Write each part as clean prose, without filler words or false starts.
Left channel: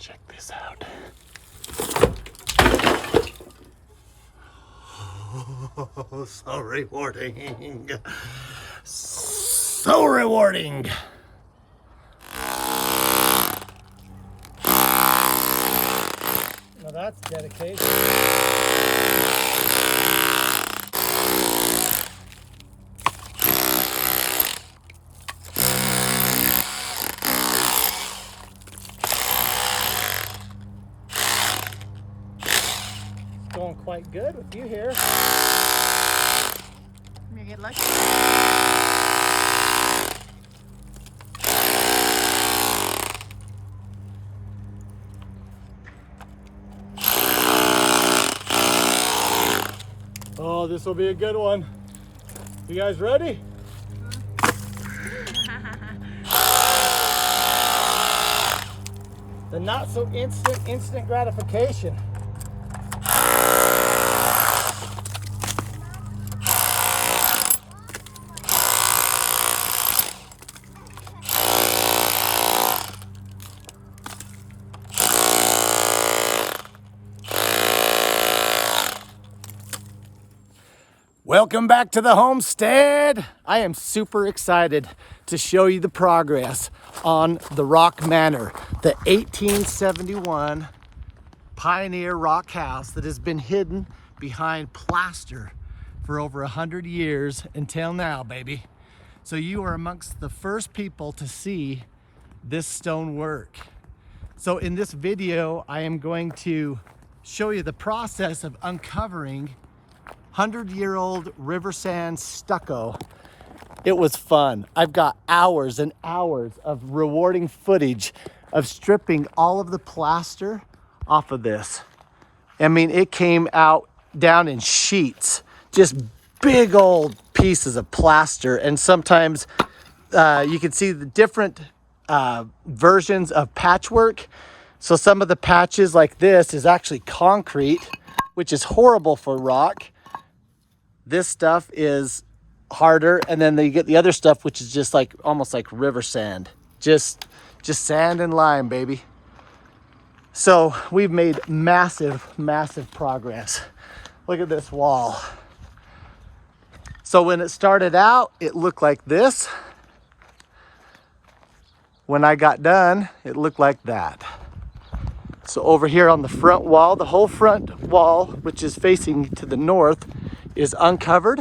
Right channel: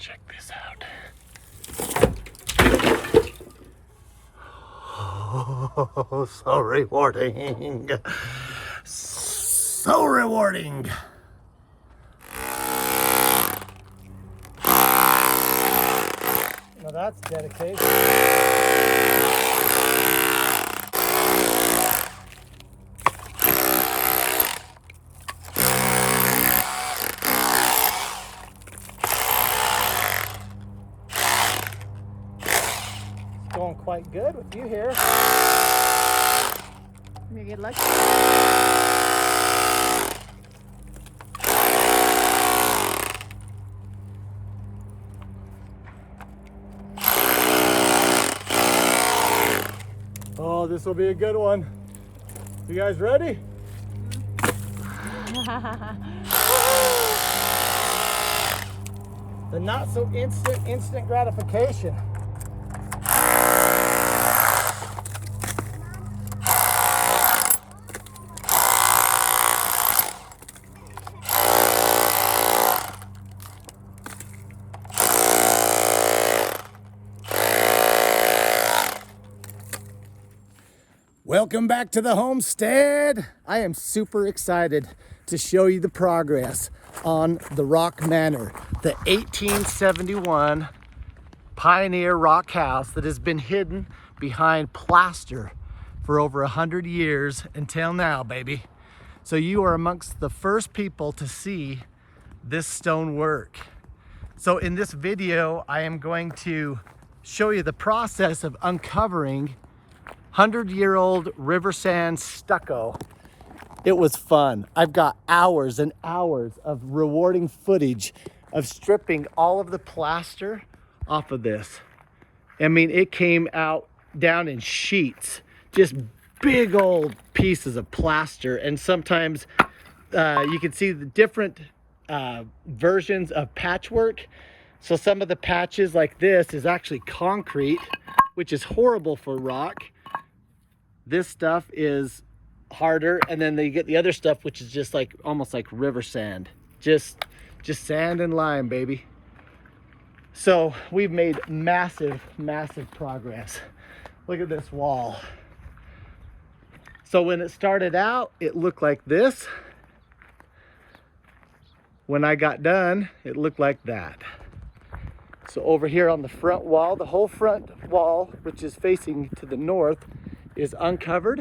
Check this out. Oh, so rewarding. So rewarding. Now that's dedication. Going quite good with you here. You get lucky. Oh, this will be a good one. You guys ready? The not so instant gratification. Welcome back to the homestead. I am super excited to show you the progress on the Rock Manor, the 1871 pioneer rock house that has been hidden behind plaster for over 100 years until now, baby. So you are amongst the first people to see this stone work. So in this video, I am going to show you the process of uncovering 100-year-old river sand stucco. It was fun. I've got hours and hours of rewarding footage of stripping all of the plaster off of this. I mean, it came out down in sheets, just big old pieces of plaster. And sometimes you can see the different versions of patchwork. So some of the patches like this is actually concrete, which is horrible for rock. This stuff is harder, and then you get the other stuff, which is just like almost like river sand, just sand and lime, baby. So we've made massive progress. Look at this wall. So when it started out, it looked like this. When I got done, it looked like that. So over here on the front wall, the whole front wall, which is facing to the north, is uncovered.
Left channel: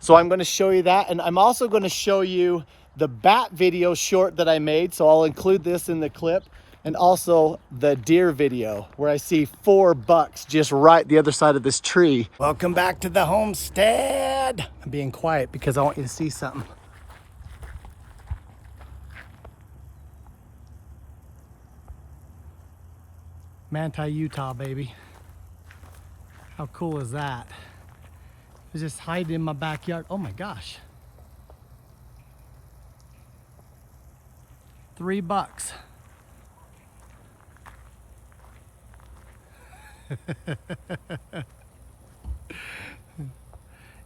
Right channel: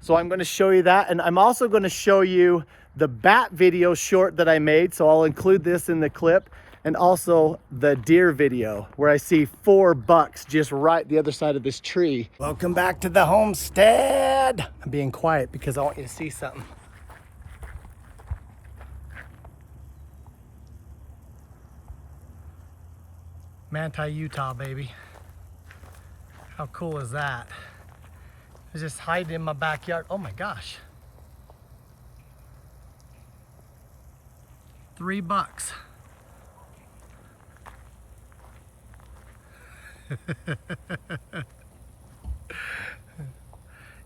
So I'm going to show you that, and I'm also going to show you the bat video short that I made, so I'll include this in the clip, and also the deer video where I see 4 bucks just right the other side of this tree. Welcome back to the homestead. I'm being quiet because I want you to see something. Manti, Utah, baby. How cool is that? It's just hiding in my backyard. Oh my gosh. 3 bucks.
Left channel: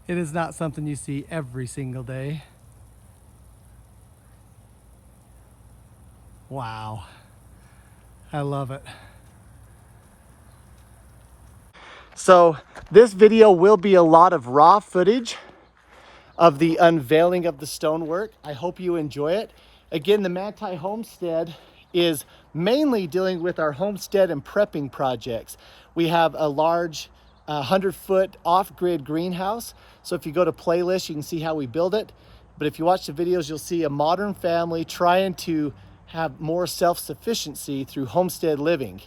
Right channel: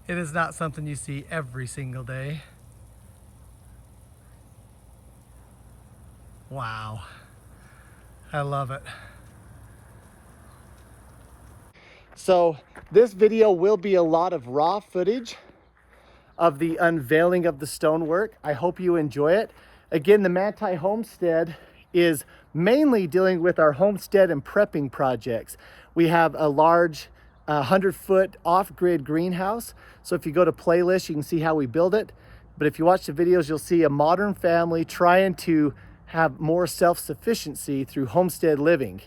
It is not something you see every single day. Wow. I love it. So this video will be a lot of raw footage of the unveiling of the stonework. I hope you enjoy it. Again, the Manti Homestead is mainly dealing with our homestead and prepping projects. We have a large 100-foot off-grid greenhouse. So if you go to playlist, you can see how we build it. But if you watch the videos, you'll see a modern family trying to have more self-sufficiency through homestead living.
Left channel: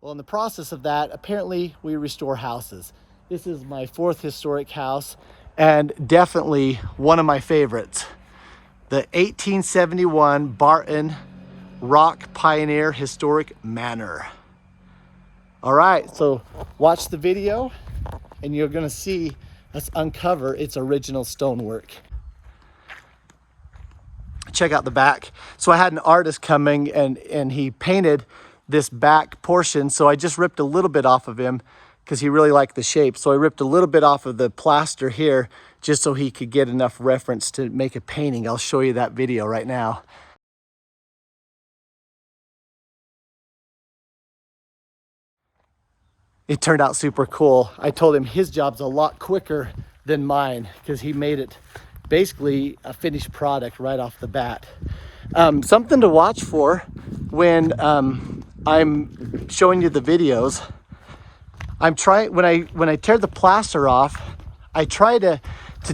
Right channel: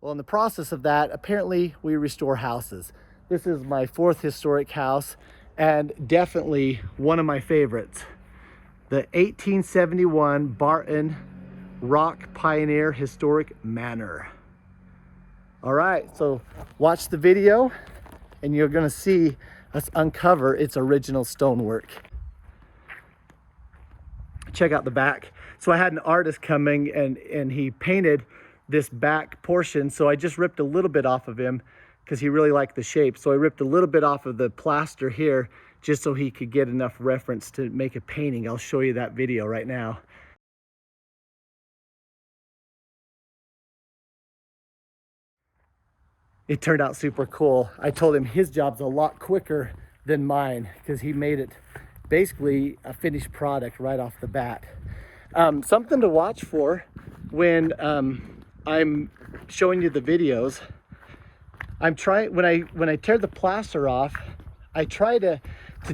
Well, in the process of that, apparently we restore houses. This is my 4th historic house and definitely one of my favorites. The 1871 Barton Rock Pioneer Historic Manor. All right, so watch the video and you're gonna see us uncover its original stonework. Check out the back. So I had an artist coming and he painted this back portion, so I just ripped a little bit off of him because he really liked the shape. So I ripped a little bit off of the plaster here just so he could get enough reference to make a painting. I'll show you that video right now. It turned out super cool. I told him his job's a lot quicker than mine because he made it basically a finished product right off the bat. Something to watch for when I'm showing you the videos. I'm trying, when I tear the plaster off, I try to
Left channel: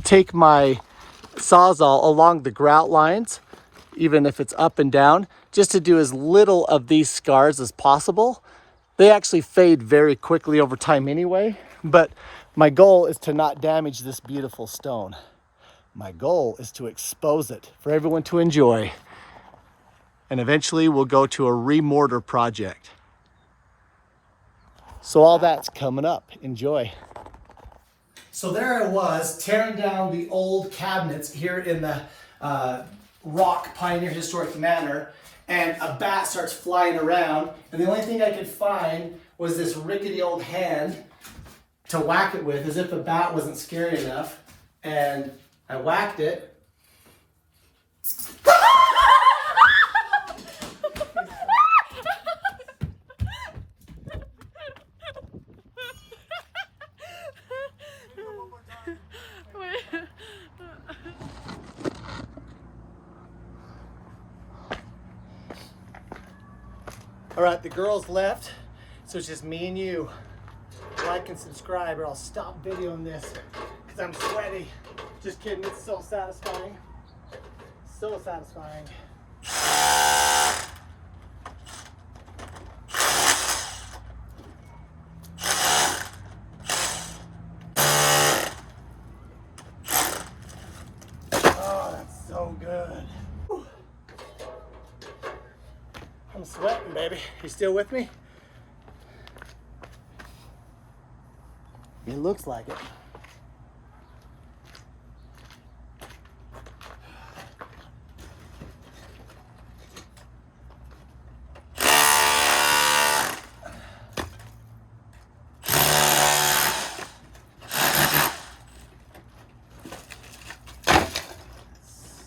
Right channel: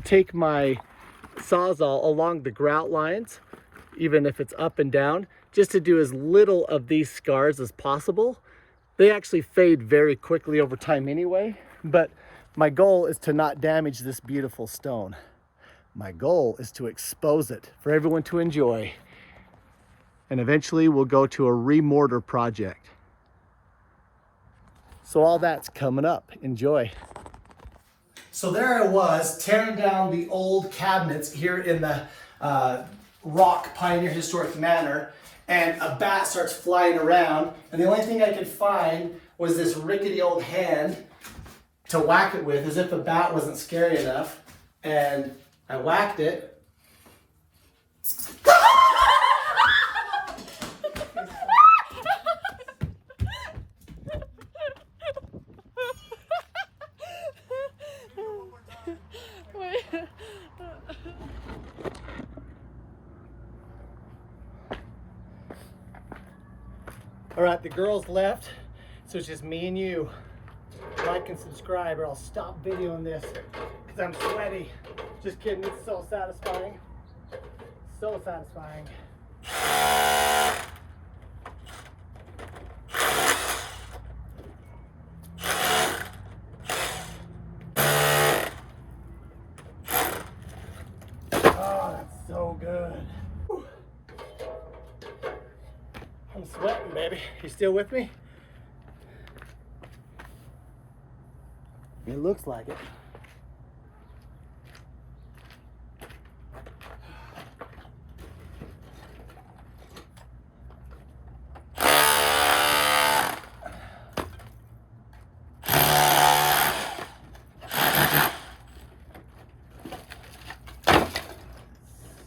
take my Sawzall along the grout lines, even if it's up and down, just to do as little of these scars as possible. They actually fade very quickly over time anyway, but my goal is to not damage this beautiful stone. My goal is to expose it for everyone to enjoy. And eventually we'll go to a remortar project. So all that's coming up. Enjoy. So there I was, tearing down the old cabinets here in the Rock Pioneer Historic Manor, and a bat starts flying around, and the only thing I could find was this rickety old hand to whack it with, as if a bat wasn't scary enough, and I whacked it. All right, the girls left, so it's just me and you. Like and subscribe or I'll stop videoing this because I'm sweaty. Just kidding, it's so satisfying. So satisfying. Oh, that's so good. I'm sweating, baby. You still with me? It looks like it.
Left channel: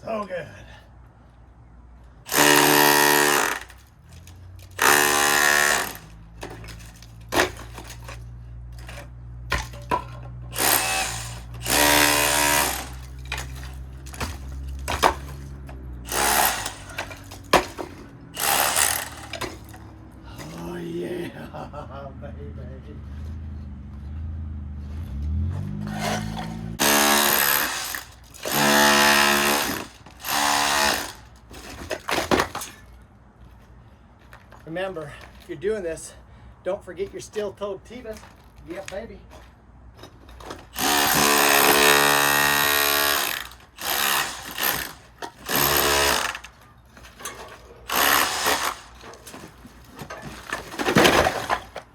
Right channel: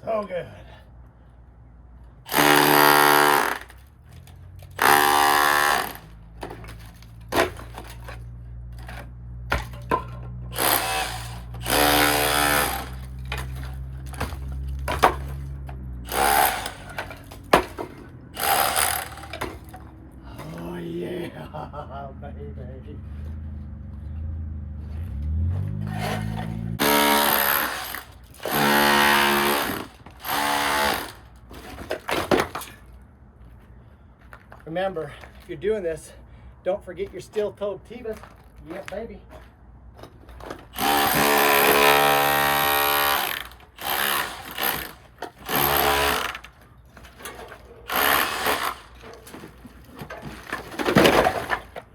So good. Oh, baby. Remember, if you're doing this, don't forget your steel-toed Tevas. Yeah, baby.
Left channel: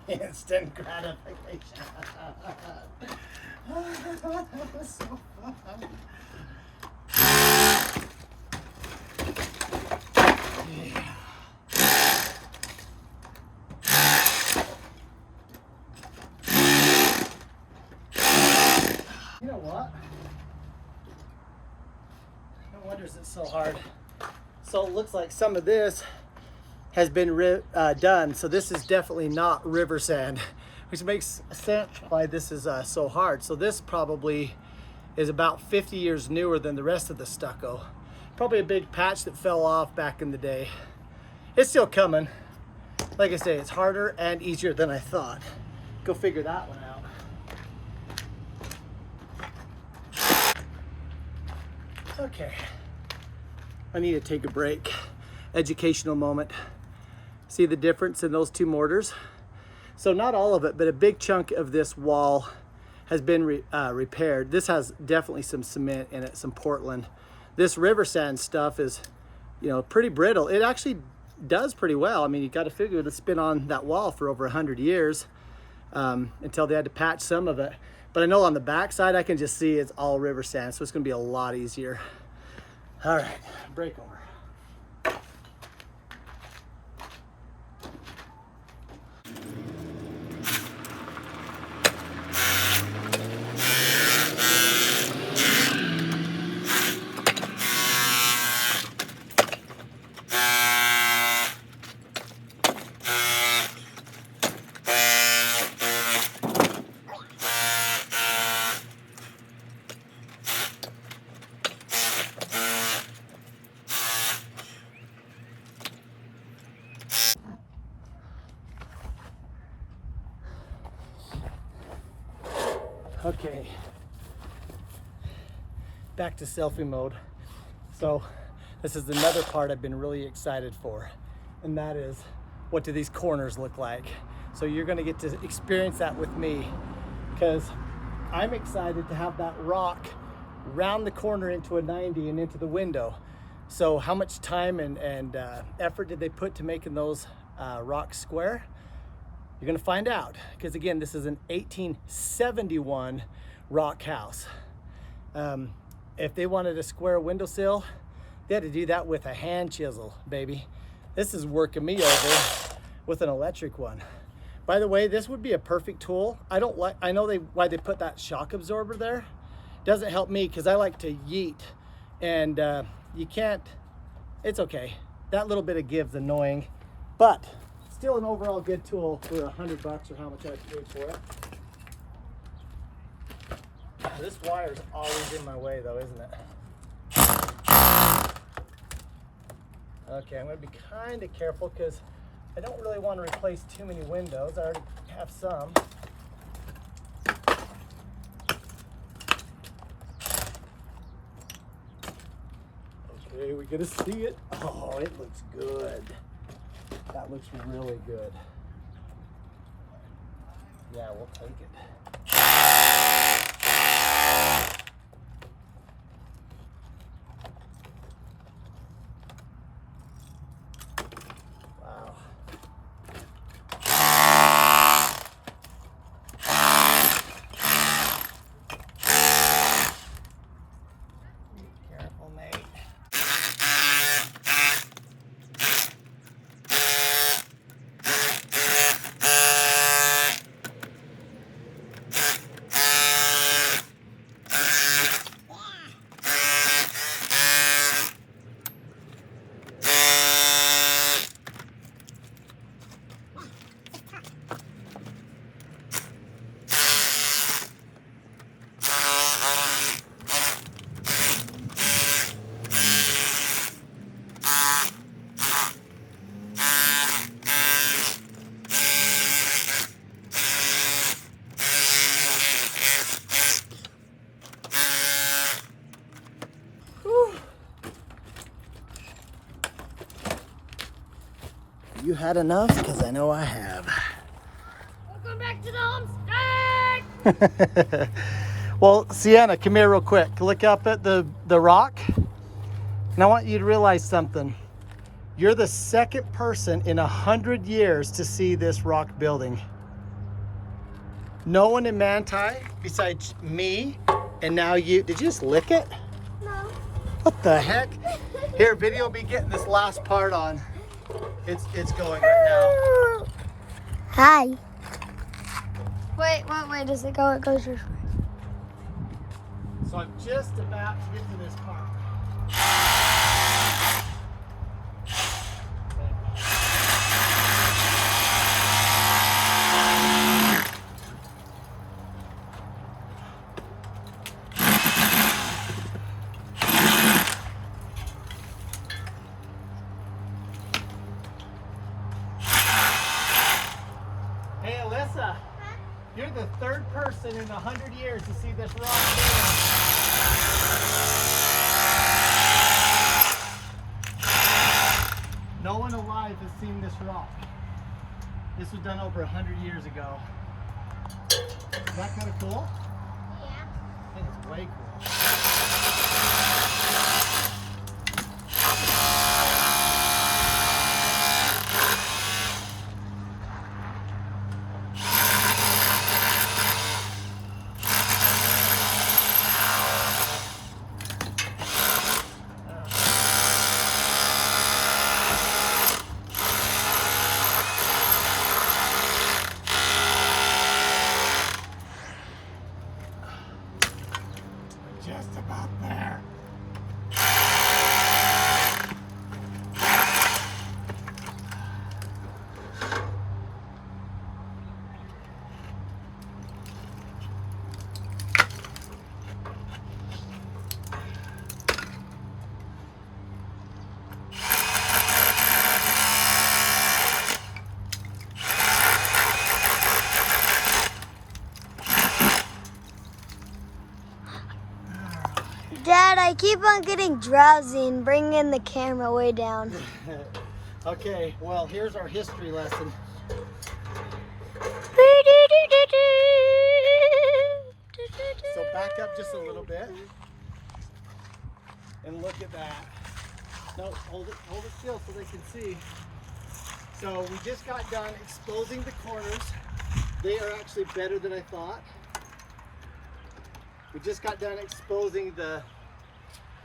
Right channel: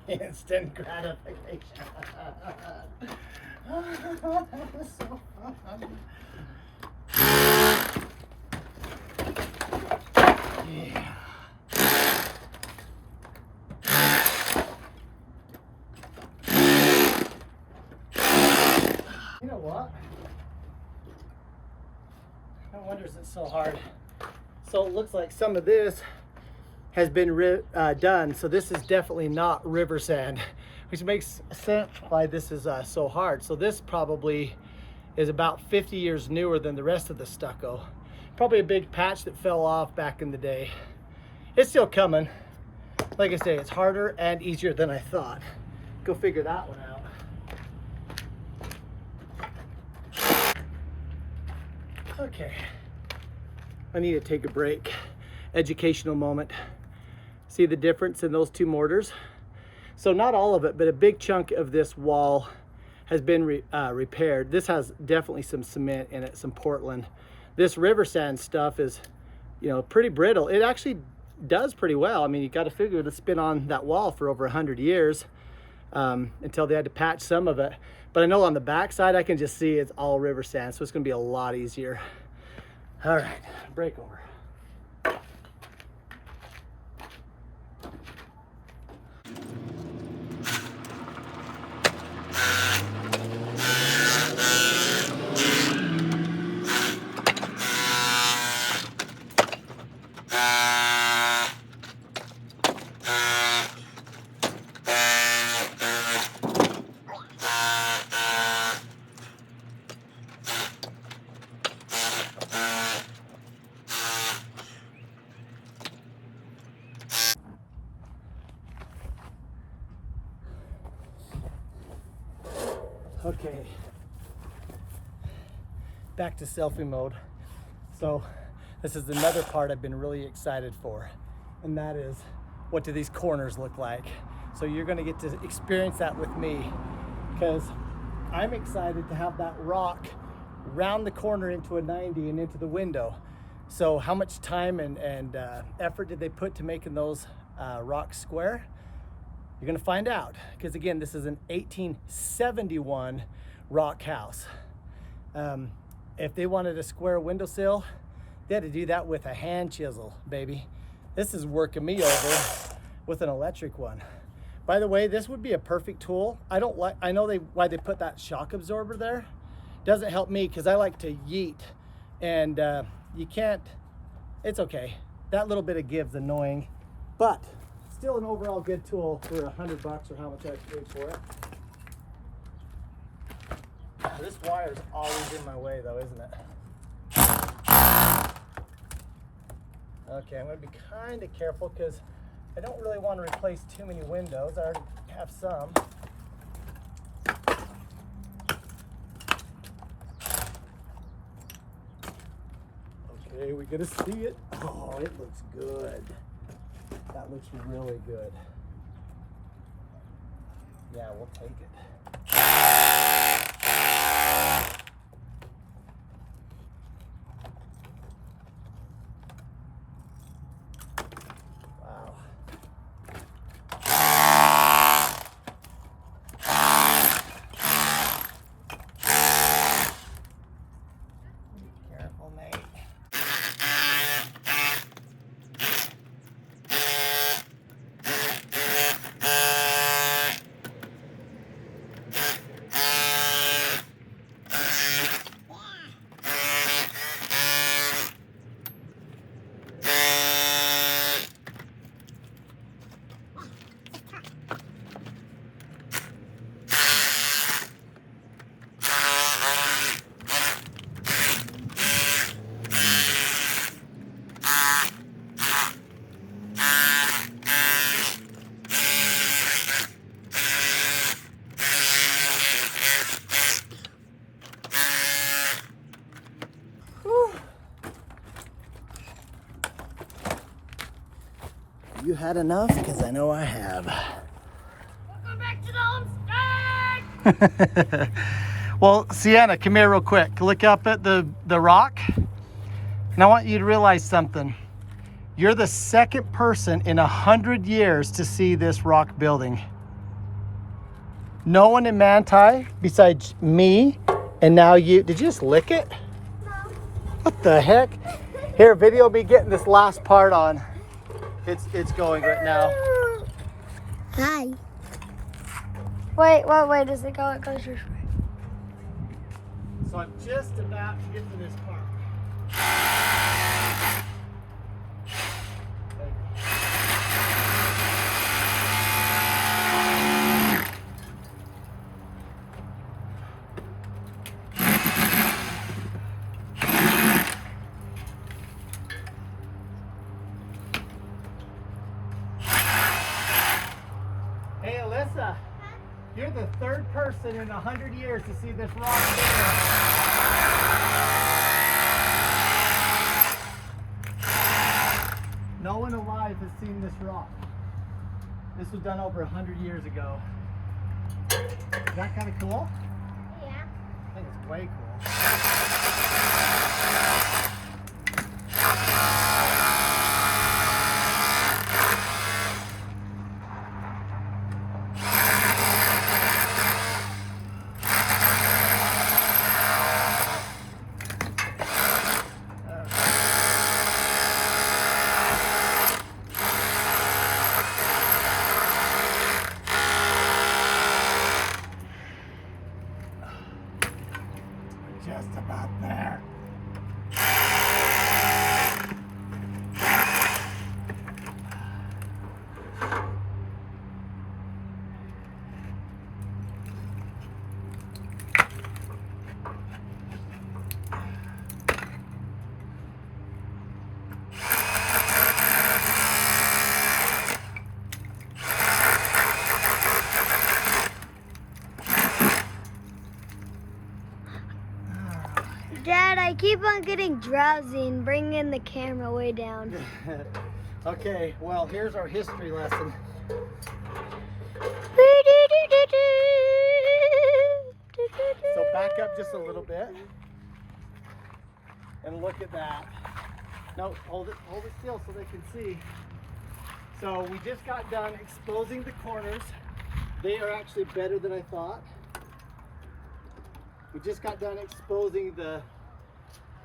Instant gratification. That was so fun. Yeah. You know what? No wonder it's so hard. So it looks like some of this has been done. So this is definitely not river sand, which makes sense why this is so hard. So this probably is about 50 years newer than the rest of the stucco. Probably a big patch that fell off back in the day. It's still coming. Like I say, it's harder and easier than I thought. Go figure that one out. Okay, I need to take a break. Educational moment. See the difference in those two mortars? So not all of it, but a big chunk of this wall has been repaired. This has definitely some cement in it, some Portland. This river sand stuff is, you know, pretty brittle. It actually does pretty well. I mean, you got to figure it's been on that wall for over 100 years until they had to patch some of it. But I know on the back side, I can just see it's all river sand, so it's gonna be a lot easier. All right, break over. Okay, back to selfie mode. So this is another part I've been really excited for, and that is, what do these corners look like? So you're gonna get to experience that with me, because I'm excited to have that rock round the corner into a 90 and into the window. So how much time and effort did they put to making those rocks square? You're gonna find out, because again, this is an 1871 rock house. If they wanted a square windowsill, they had to do that with a hand chisel, baby. This is working me over with an electric one. By the way, this would be a perfect tool. I know why they put that shock absorber there. Doesn't help me because I like to yeet, and you can't, it's okay. That little bit of give's annoying, but still an overall good tool for $100 or how much I paid for it. This wire's always in my way though, isn't it? Okay, I'm gonna be kind of careful because I don't really want to replace too many windows. I already have some. Okay, we get to see it. Oh, it looks good. That looks really good. Yeah, we'll take it. Wow. Be careful, Nate. You had enough? Because I know I have. Welcome back to the Homestead! Well, Sienna, come here real quick. Look up at the rock. And I want you to realize something. You're the second person in 100 years to see this rock building. No one in Manti besides me, and now you. Did you just lick it? No. What the heck? Here, video me getting this last part on. It's going right now. Hi. Wait, what way does it go? It goes this way. So I'm just about to get to this part. Hey Alyssa, you're the third person in 100 years to see this rock building. No one alive has seen this rock. This was done over 100 years ago. Is that kind of cool? Yeah. I think it's way cool. Just keep on getting drowsy and bringing the camera way down. Okay, well, here's our history lesson. So back up just a little bit and look at that. No, hold it still so they can see. So we just got done exposing the corners. They are actually better than I thought. We just got done exposing the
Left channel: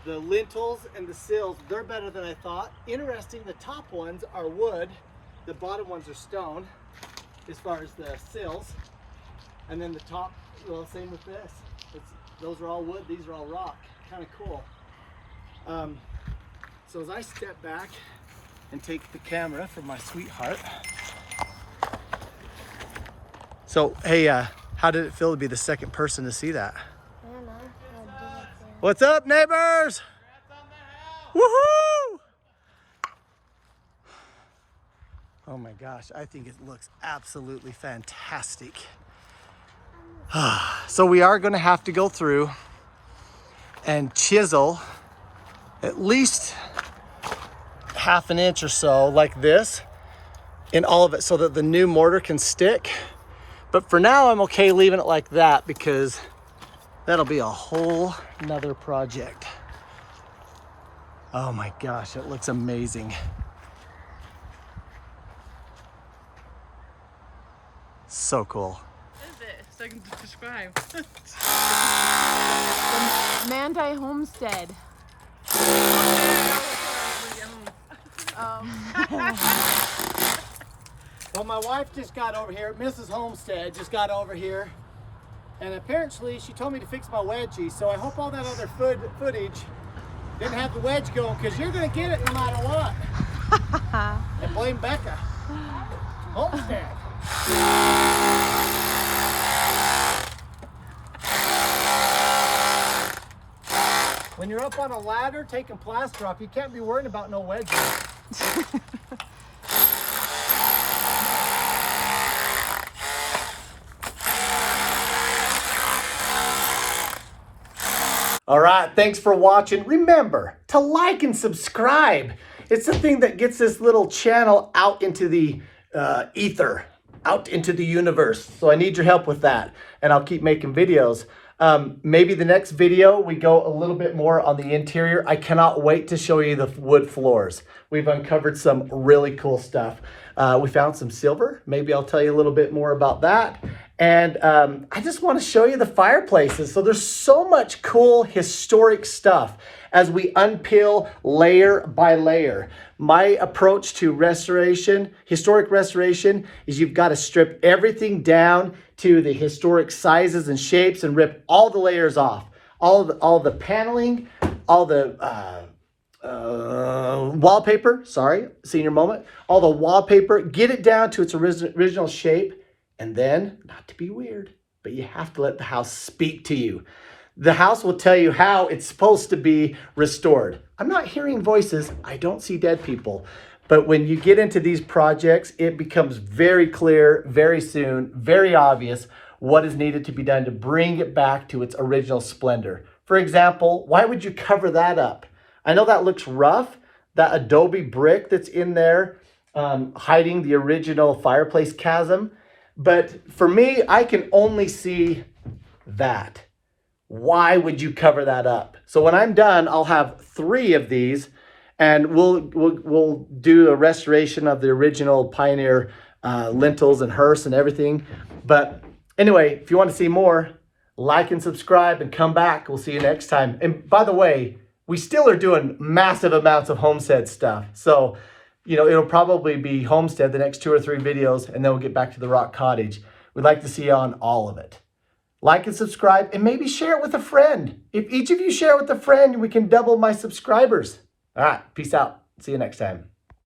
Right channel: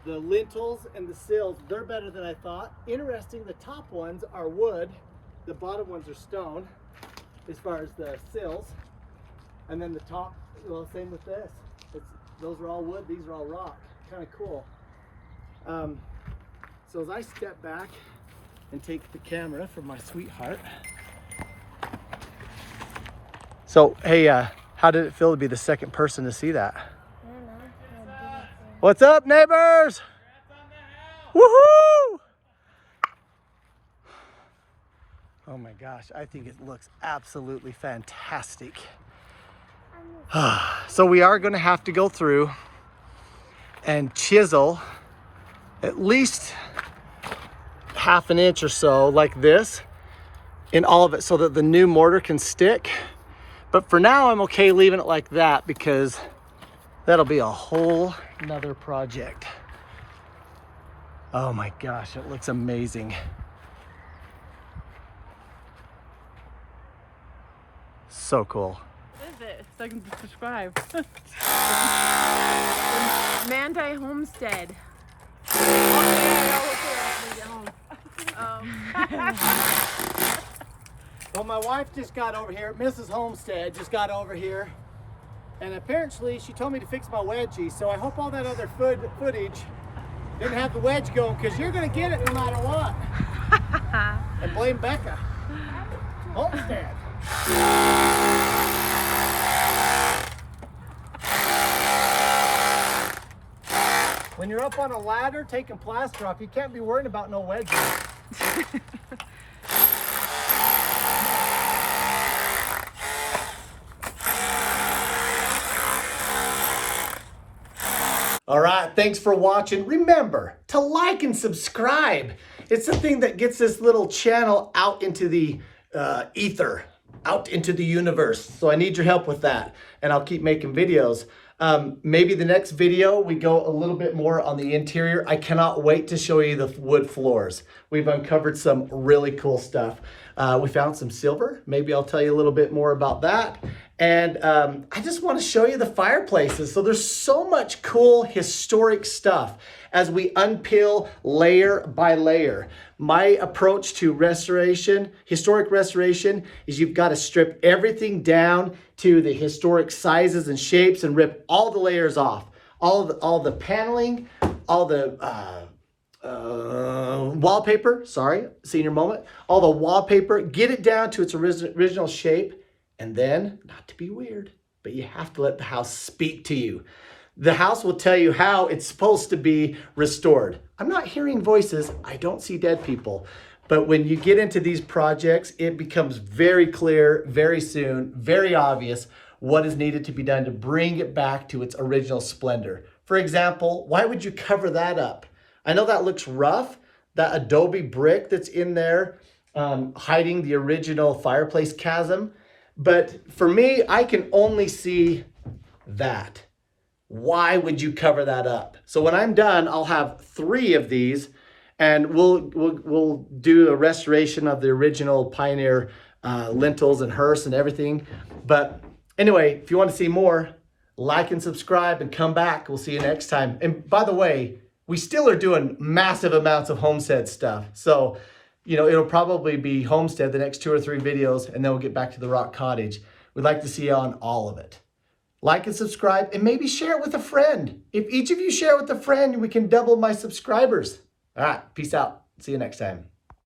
lintels and the sills. They're better than I thought. Interesting, the top ones are wood. The bottom ones are stone as far as the sills. And then the top, well, same with this. Those are all wood, these are all rock. Kind of cool. So as I step back and take the camera from my sweetheart. So, hey, how did it feel to be the second person to see that? I don't know. What's up, neighbors? Woohoo! Oh my gosh, I think it looks absolutely fantastic. So we are going to have to go through and chisel at least half an inch or so like this in all of it so that the new mortar can stick. But for now, I'm okay leaving it like that because that'll be a whole nother project. Oh my gosh, it looks amazing. So cool. What is it? So I can describe. Manti Homestead. Well, my wife just got over here, Mrs. Homestead just got over here, and apparently she told me to fix my wedgie, so I hope all that other footage didn't have the wedge going, because you're going to get it no matter what. And blame Becca. Homestead. When you're up on a ladder taking plaster off, you can't be worrying about no wedges. All right, thanks for watching. Remember to like and subscribe. It's the thing that gets this little channel out into the ether, out into the universe. So I need your help with that, and I'll keep making videos. Maybe the next video we go a little bit more on the interior. I cannot wait to show you the wood floors. We've uncovered some really cool stuff. We found some silver. Maybe I'll tell you a little bit more about that. And I just want to show you the fireplaces. So there's so much cool historic stuff as we unpeel layer by layer. My approach to restoration, historic restoration, is you've got to strip everything down to the historic sizes and shapes and rip all the layers off. All the paneling, all the wallpaper, sorry, senior moment. All the wallpaper, get it down to its original shape. And then, not to be weird, but you have to let the house speak to you. The house will tell you how it's supposed to be restored. I'm not hearing voices. I don't see dead people. But when you get into these projects, it becomes very clear, very soon, very obvious what is needed to be done to bring it back to its original splendor. For example, why would you cover that up? I know that looks rough, that adobe brick that's in there, hiding the original fireplace chasm. But for me, I can only see that. Why would you cover that up? So when I'm done, I'll have 3 of these, and we'll do a restoration of the original Pioneer lintels and hearse and everything. But anyway, if you want to see more, like and subscribe and come back. We'll see you next time. And by the way, we still are doing massive amounts of Homestead stuff. So, you know, it'll probably be Homestead the next 2 or 3 videos, and then we'll get back to the rock cottage. We'd like to see you on all of it. Like and subscribe, and maybe share it with a friend. If each of you share it with a friend, we can double my subscribers. All right, peace out. See you next time.